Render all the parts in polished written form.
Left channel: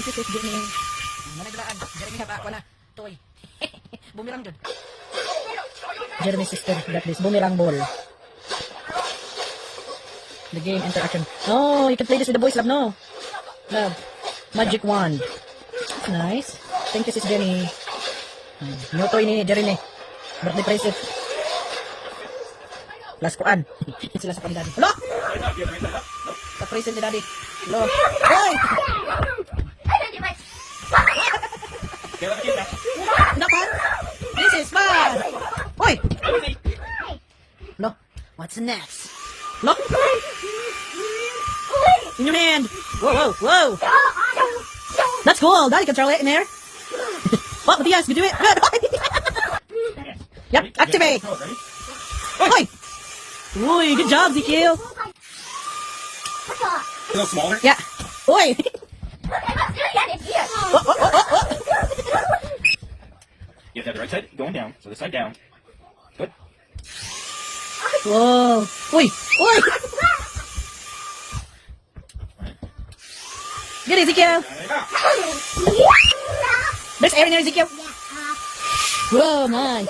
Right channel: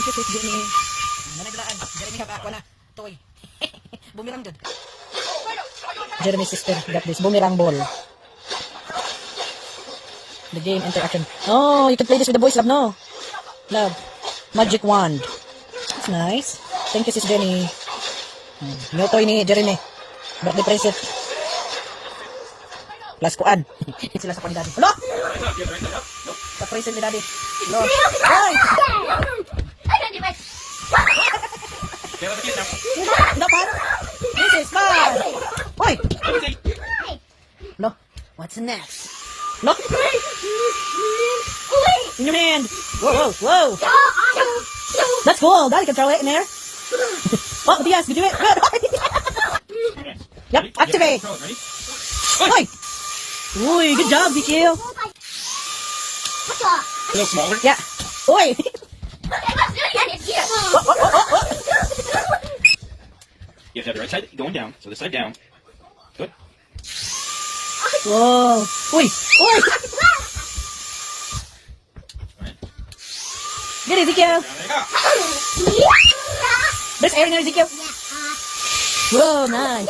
Thank you, Sis Jenny. Nanaglaan. Jeremy haba ako na. Toy. Bumirang dun. Jeremy's sister got this boomerang ball. The game interaction. Oh, you can play this with the boys, love, no? Love. Magic wand. That's nice. Thank you, Sis Jenny. No toy ni Jeremy. Birthday present. Plus kuan. Sila sa kuan ni Daddy. Hello? Sa present ni Daddy. Hello? Hoy! Hindi pa. This is fun. Hoy! Look. What's next? Look. In your hand. Whoa, whoa, whoa. That's cool. Daddy can throw it in there. Oh, Matias, you do it. Good. Yep, activate. Hoy! Uy, good job, Ezekiel. A little smaller? Yeah. Oi! Yeah, so the right side going down, so this side down. Good. Whoa! Oi! Oi! Get it, Ezekiel! Best air here, Ezekiel! Whoa, nice!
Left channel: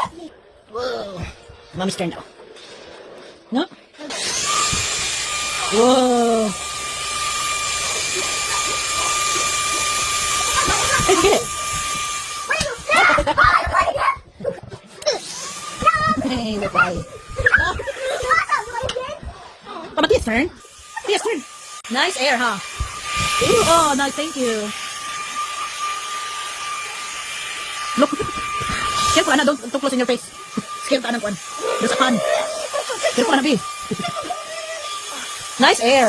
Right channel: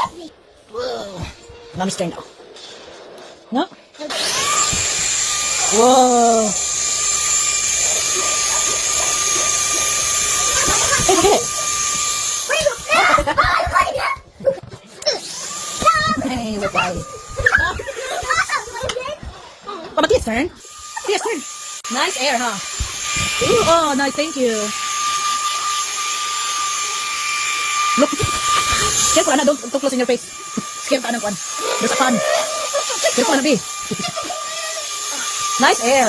Whoa! Mommy's turn now. No? Whoa! Hey, get it! Hey, we're fine. Oh, Matias' turn. Matias' turn. Nice air, huh? Ooh, oh, nice, thank you. Look. Careful, Anna, don't close in your face. Scared ka ng kwan. There's a fan. Careful, Anna, B. Nice air.